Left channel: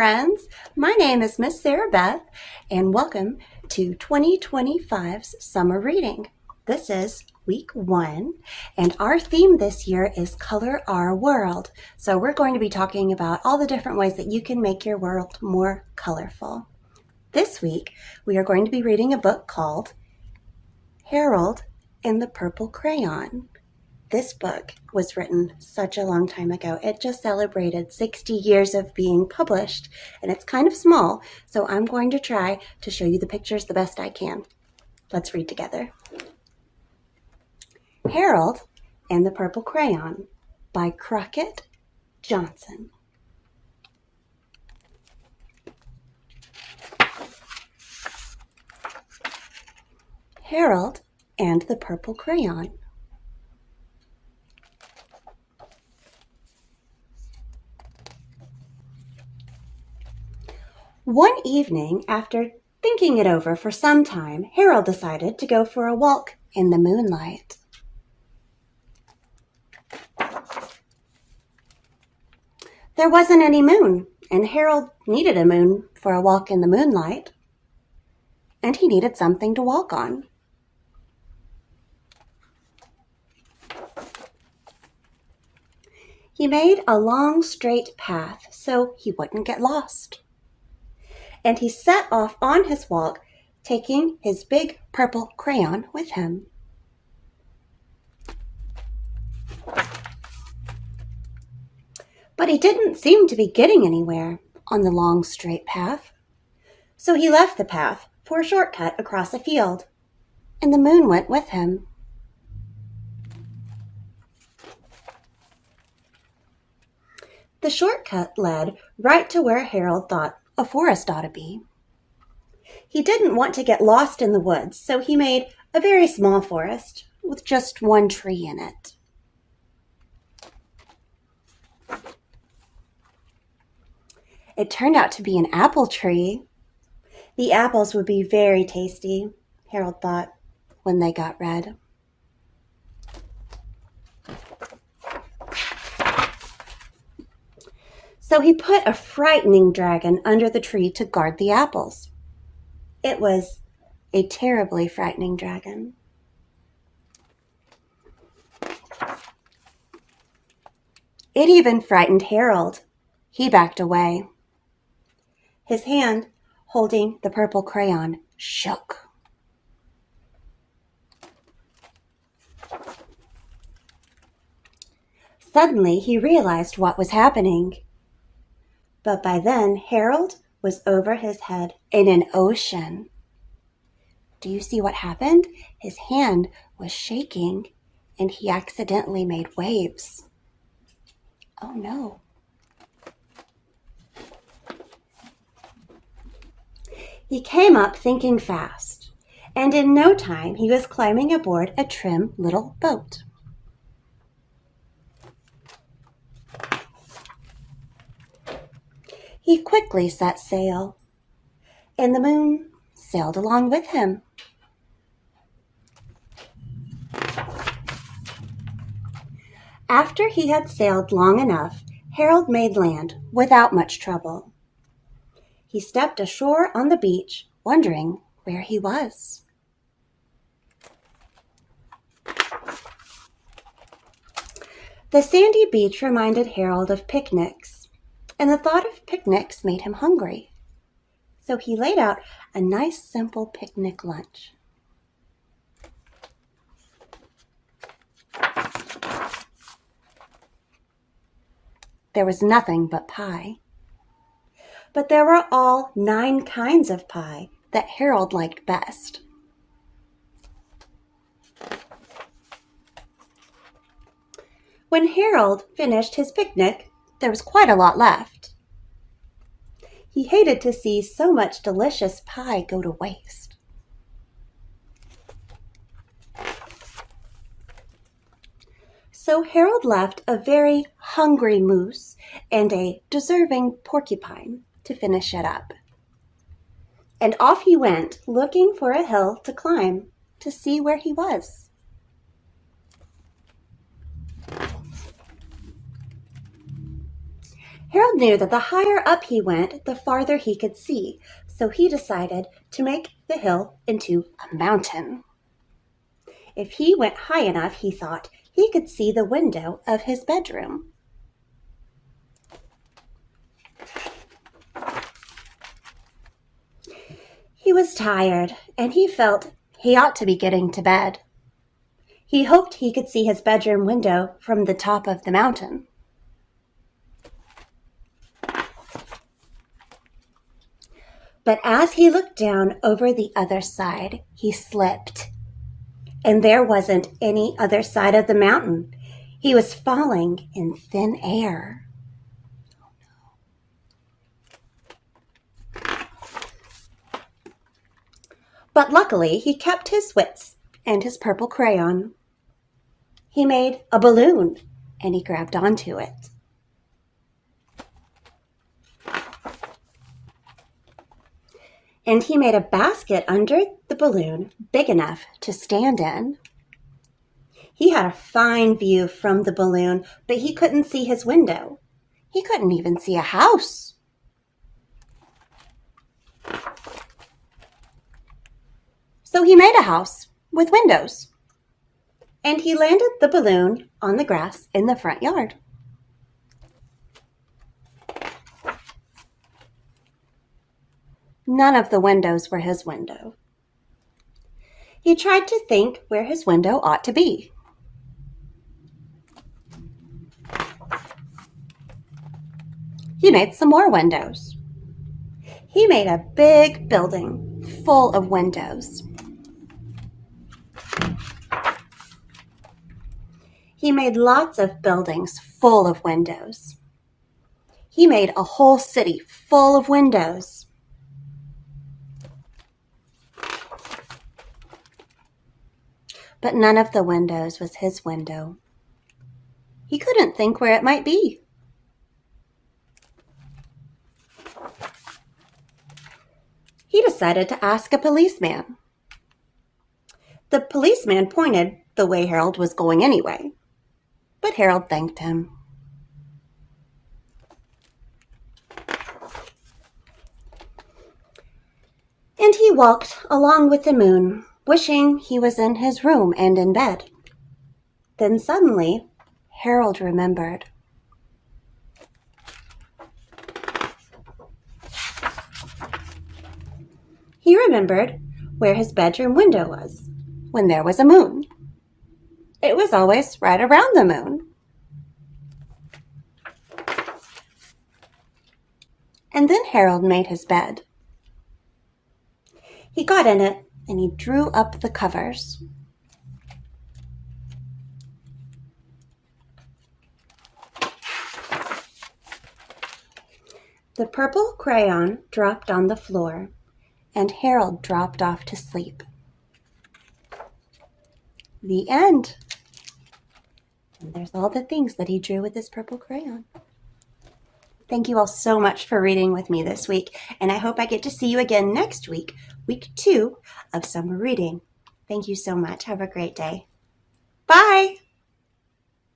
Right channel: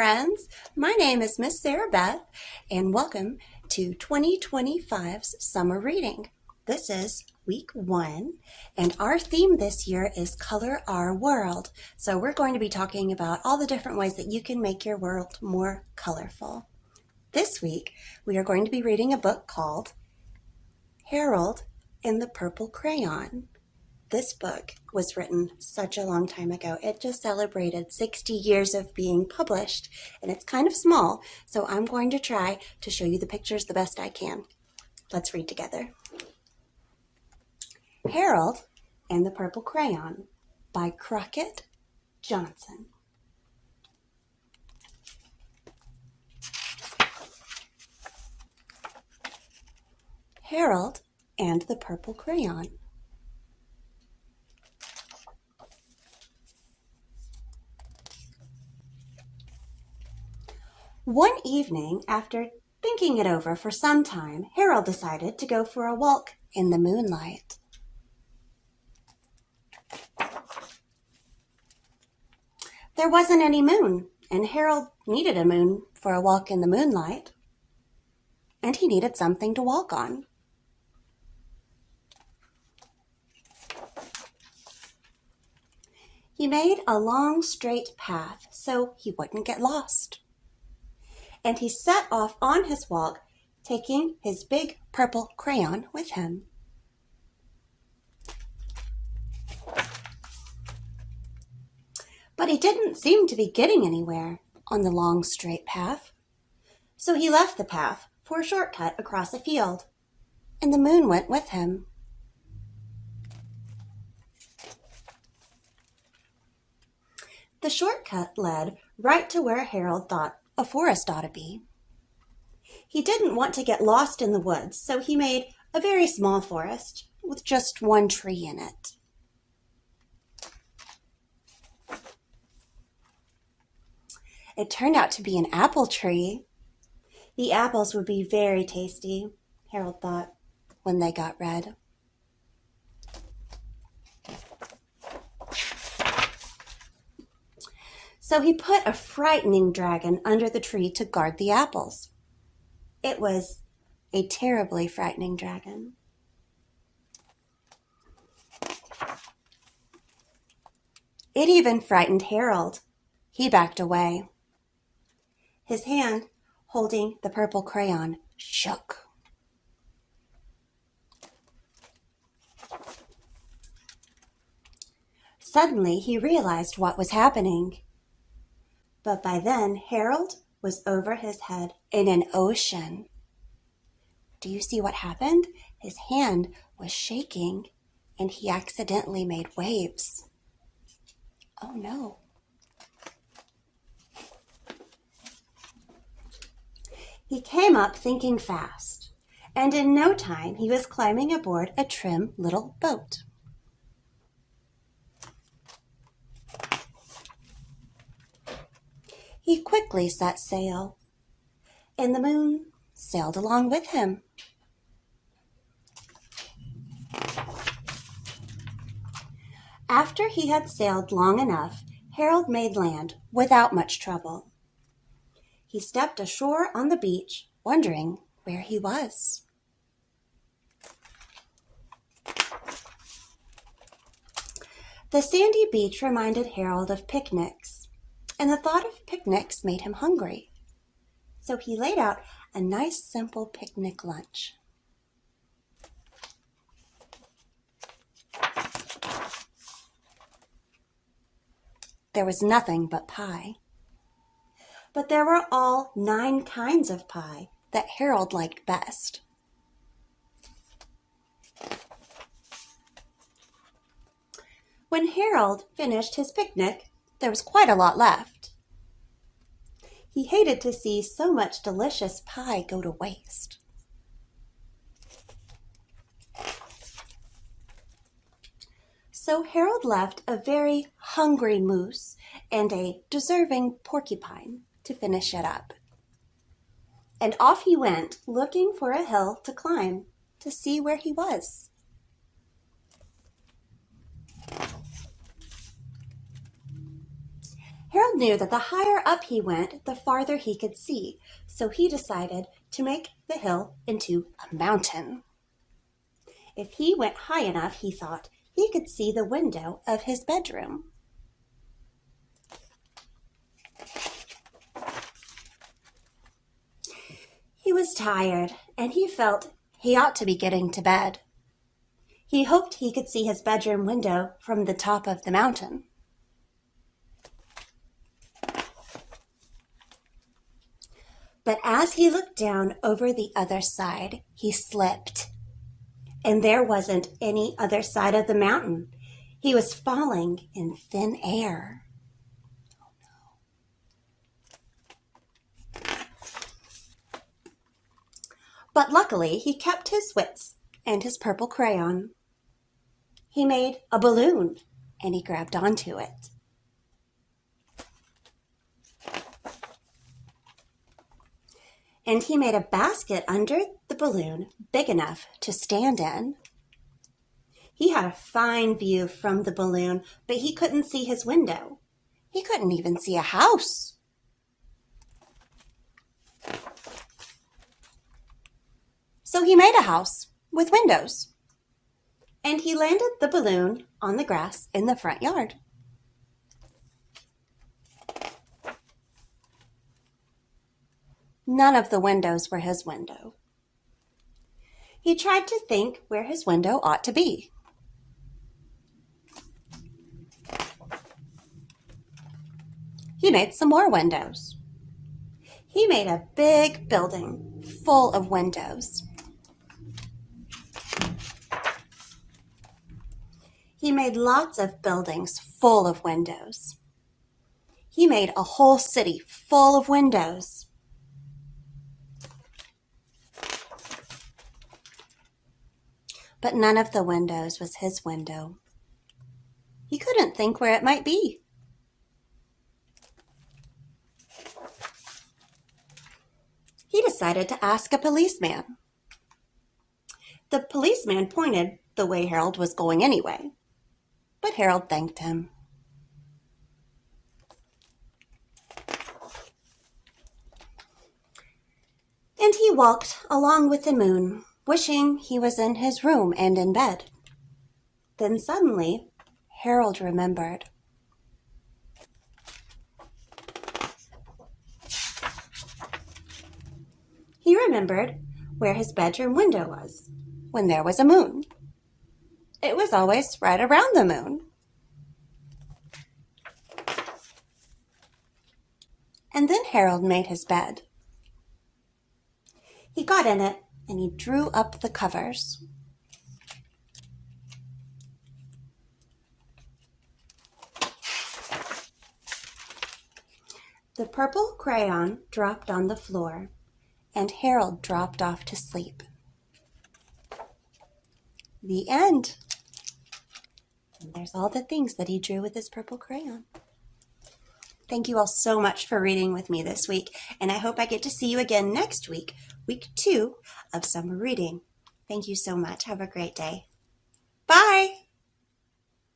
friends. My name is Miss Sarah Beth, and welcome to 2025's Summer Reading. This is week 1, and our theme this year is Color Our World. So we're going to be talking about all the different ways that you can make your world more colorful. This week, we are going to be reading a book called Harold and the Purple Crayon. This book was written such a long time ago. It just celebrated 60 years of being published, and it's kind of small, so I'm going to try to show you the pictures the best I can. Let's read together. Harold and the Purple Crayon by Crockett Johnson. Harold and the Purple Crayon. One evening, after thinking it over for some time, Harold decided to go for a walk in the moonlight. There wasn't any moon, and Harold needed a moon for a walk in the moonlight, and he needed something to walk on. He made a long, straight path so he wouldn't get lost. And he set off on his walk, taking his big purple crayon with him. But he didn't seem to be getting anywhere on the long, straight path. So he left the path for a shortcut across a field, and the moon went with him. The shortcut led right to where Harold thought a forest ought to be. He didn't want to get lost in the woods, so he made a very small forest with just one tree in it. It turned out to be an apple tree. The apples would be very tasty, Harold thought, when they got red. So he put a frightening dragon under the tree to guard the apples. It was a terribly frightening dragon. It even frightened Harold. He backed away. His hand, holding the purple crayon, shook. Suddenly, he realized what was happening. But by then, Harold was over his head in an ocean. Do you see what happened? His hand was shaking, and he accidentally made waves. Oh no. He came up thinking fast, and in no time he was climbing aboard a trim little boat. He quickly set sail, and the moon sailed along with him. After he had sailed long enough, Harold made land without much trouble. He stepped ashore on the beach, wondering where he was. The sandy beach reminded Harold of picnics, and the thought of picnics made him hungry. So he laid out a nice, simple picnic lunch. There was nothing but pie. But there were all 9 kinds of pie that Harold liked best. When Harold finished his picnic, there was quite a lot left. He hated to see so much delicious pie go to waste. So Harold left a very hungry moose and a deserving porcupine to finish it up. And off he went, looking for a hill to climb to see where he was. Harold knew that the higher up he went, the farther he could see, so he decided to make the hill into a mountain. If he went high enough, he thought, he could see the window of his bedroom. He was tired, and he felt he ought to be getting to bed. He hoped he could see his bedroom window from the top of the mountain. But as he looked down over the other side, he slipped. And there wasn't any other side of the mountain. He was falling in thin air. But luckily, he kept his wits and his purple crayon. He made a balloon, and he grabbed onto it. And he made a basket under the balloon big enough to stand in. He had a fine view from the balloon, but he couldn't see his window. He couldn't even see a house. So he made a house with windows, and he landed the balloon on the grass in the front yard. None of the windows were his window. He tried to think where his window ought to be. He made some more windows. He made a big building full of windows. He made lots of buildings full of windows. He made a whole city full of windows. But none of the windows was his window. He couldn't think where it might be. He decided to ask a policeman. The policeman pointed the way Harold was going anyway, but Harold thanked him. And he walked along with the moon, wishing he was in his room and in bed. Then suddenly, Harold remembered. He remembered where his bedroom window was when there was a moon. It was always right around the moon. And then Harold made his bed. He got in it and he drew up the covers. The purple crayon dropped on the floor, and Harold dropped off to sleep. The end. And there's all the things that he drew with his purple crayon. Thank you all so much for reading with me this week, and I hope I get to see you again next week, week 2 of summer reading. Thank you so much. Have a great day. Bye.